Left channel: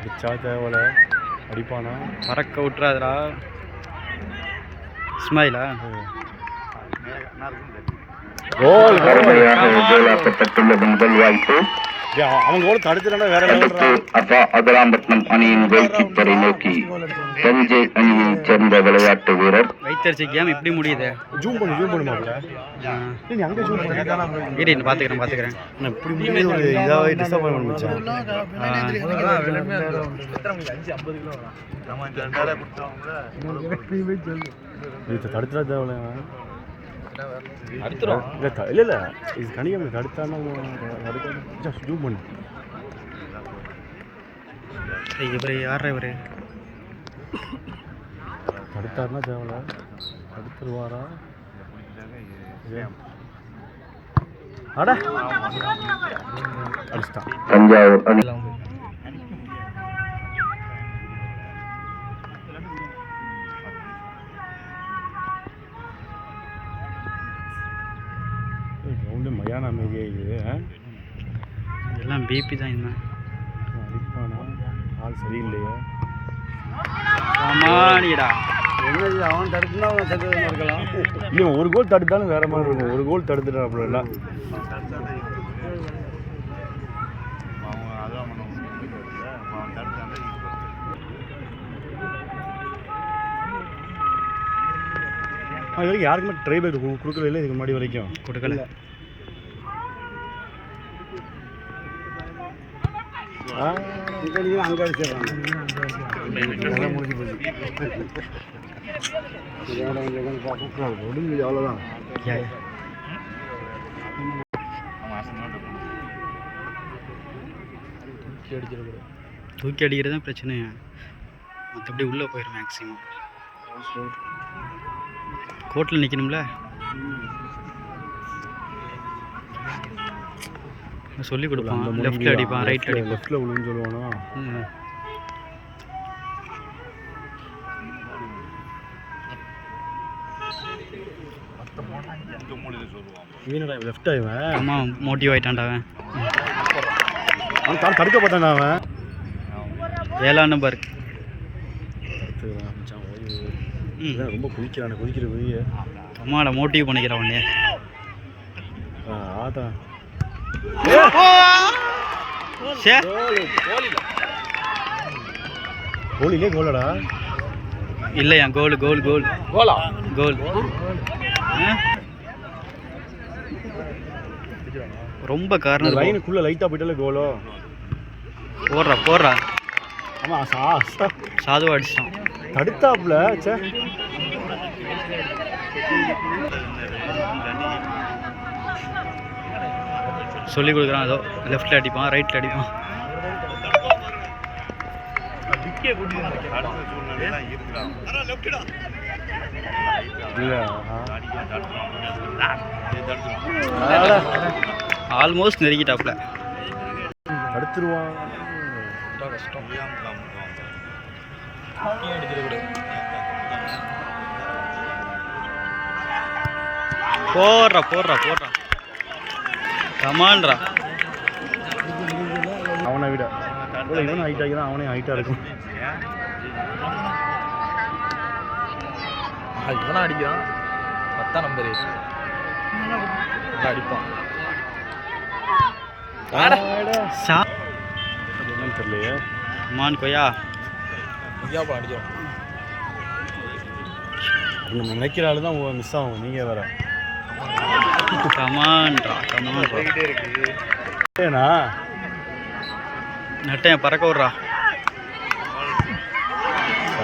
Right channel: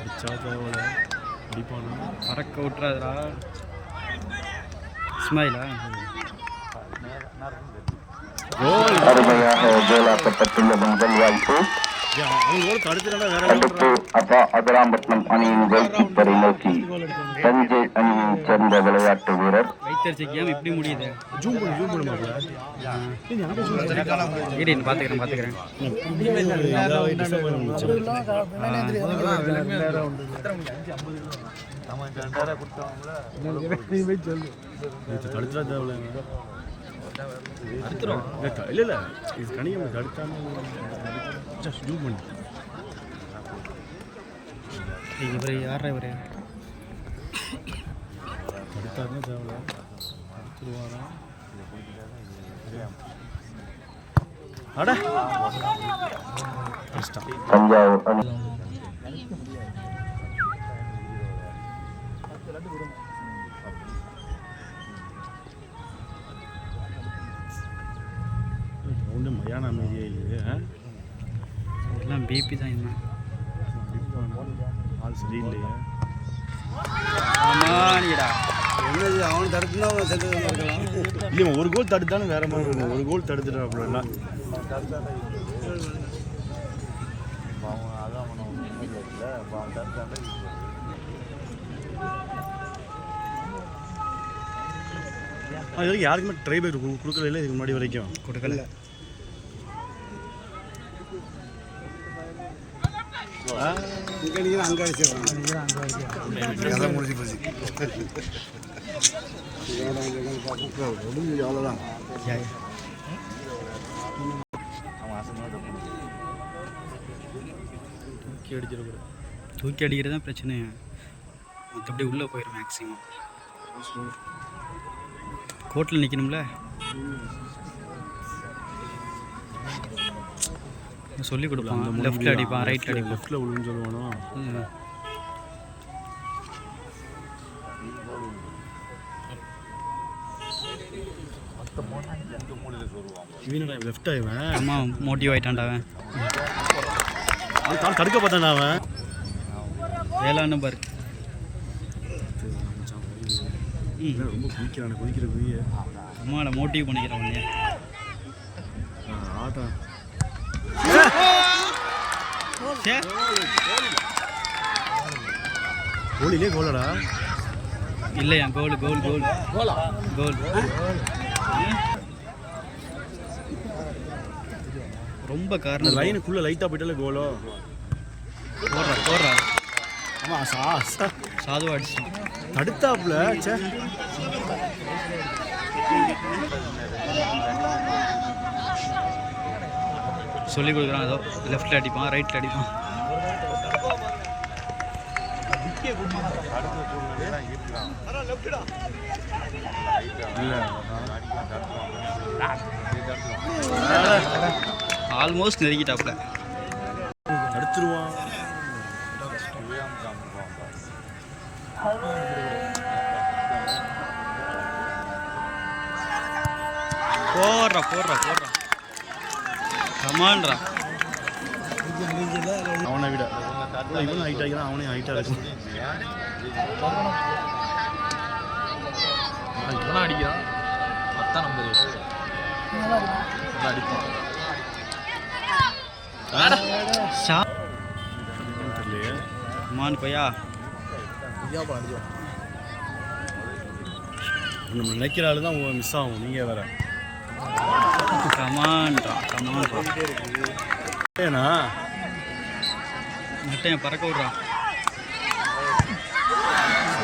அடிச்சா தேவல அடிப்பானா பறக்க விட்டுறாதுடா. இஸ்மாயிலா கோல் கோலாக்கப்பட்டுள்ளது முதல் வாய்ப்பு. அவன் கோல் தடுத்துட்டா வேற அடுத்து அதிராம்பட்டினம் அணியின் கோல் கீப்பரை நோக்கி தஞ்சை அணியைச் சேர்ந்த விளையாட்டு வீரர். வைத்தறிச்ச கேம் இப்படி முடியுது. ஜூம் பண்ணுமாப்ல நீ அங்கே ஜூம் இரு பார்த்துக்கிறேன். இப்படி முடியுது ஒரு இதாகவே டிசப்பாயின்மெண்ட் முடிச்சேன். தடுத்துட்டா தேவையில்ல அடுத்துரும் இல்லை இல்லை இது கணிகம் தடுத்தானே ஜூம் பண்ணி இவர் யார் இவர் தடுத்தாருன்னா தேவையில்ல தடுத்துருவாரா அடா அடிச்சிட்டான். தஞ்சாவூர் அணி ரவுண்டு மயான அமைதியே இது எல்லாம் பிபி தான். என்ன அடிப்பானா ஆள் சரியில்லையே. ஆமாடா அவன் தடுத்துனா இருக்கலாம். இல்லை ஒரு கோல் தடுத்தாலும் வேற மாதிரி இருக்கும். ஒரு கோல் தடுத்துட்டா அப்படின்னா அது யாருக்குமே ட்ரை பேக் கொடுக்கல. இல்லை இதுக்கு முன்னாடி வரைக்கும் கொடுக்கல. அங்கே அடிச்சிடறாங்க முடிஞ்சு போச்சு. அவ்வளோதான் தூக்கி அடிக்கிறது தான் பிரச்சனை. மற்றபடி உள்ளே போயிடும் மேக்ஸிமம். கோர்ட்டில் நிற்கணும்ல. சொல்லி கொடுப்பான். லெஃப்ட்டில் அடிப்பான், ரைட்டில் அடிப்பான். லெஃப்ட்டில் விழுன்னு சொல்லுவானா. லெஃப்ட் ஆயிவன் அம்மா மோட்டிவ் ஆகிட்டான்டா அவன். அவன் தடுக்க பார்த்தான்டா அவன். 7ஆம் நம்பர் ரொம்ப குளிக்கிற அம்மாட மோட்டிவ் பண்ணிக்கிறான் உடனே. ஆதான் கோலிலே கோலடா இல்லையா? கோல் கோல் கோல் கோலா கோல். ரொம்ப காரணம் லைனுக்குள்ள லைட்டாக போயிட்டாலே கோலோ. போடுறா. ஆமாம் சாதுவா அடிச்சிட்டான். தடுத்தாப்புல சொல்லி கொடுக்குறான். ஏதோ லெஃப்ட்டில் அடிப்பான், ரைட்டில் அடிப்பான். ஆல்மோஸ்ட் நெருங்கிட்டாப்புல. அடிச்சிருவான். போடுறா கமான்ரா. அவனை விட இவன் ஹைட் ஆகிறான். அவனே ஹைட்டாக இருக்கும். இவனா அடிக்கிறான். 10ஆம் நம்பர் அடிப்பான். தெரியலையே. மான் கொய்யா இந்தியாப்பா அடிச்சோம். நம்ம நினைக்கிற ஆளு தான் மிஸ் ஆகும். நீங்கள் வேற கமான்ரா. ஏண்ணா நட்டையன் பறக்க விட்றா.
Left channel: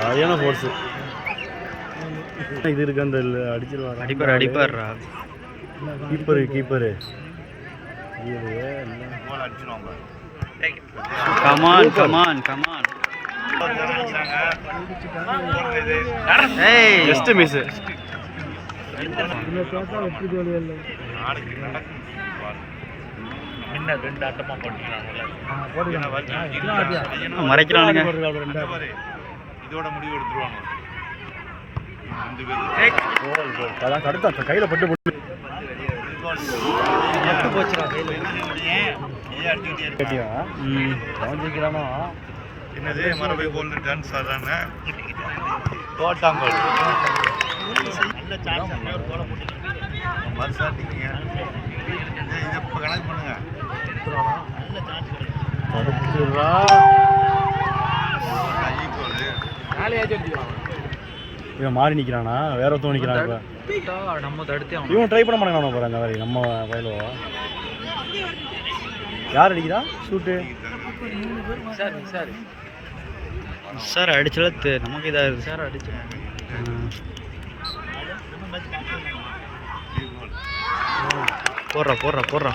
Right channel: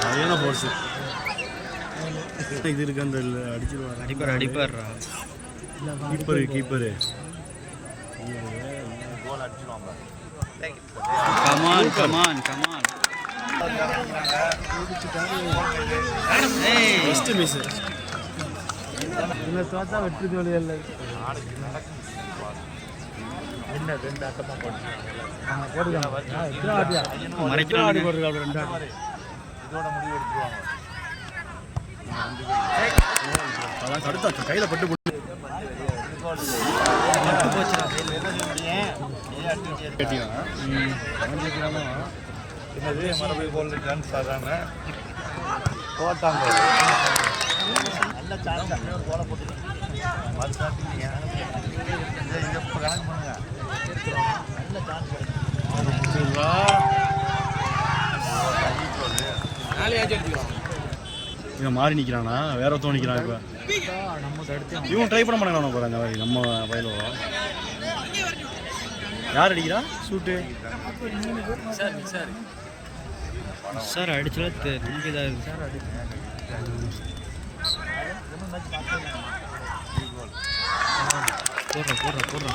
சரியான ஃபோர்ஸு. இது இருக்கு அந்த அடிச்சிருவார். அடிப்பார்ரா. Keeper come on. Just miss. வெற்றி தோல்வியல்ல. மறைக்கிறாங்க. கையில் பட்டு போச்சுடா கையில். அவன் சீக்கிரமா என்னது மறுபடியும் கோல்டு ட்ரான்ஸ்ஃபர் தானே போட்டாங்க கணக்கு பண்ணுங்க இவன் மாறி நிற்கிறானா வேற ஒருத்தவன் நிற்கிறான் இப்போ நம்ம தடுத்து இவன் ட்ரை பண்ண மாட்டாங்க போகிறேன் அந்த மாதிரி நம்ம பயில யார் அடிக்கிறா ஷூட்டு சார் அடிச்சல நமக்கு இதாக சார் அடிச்சு போடுறா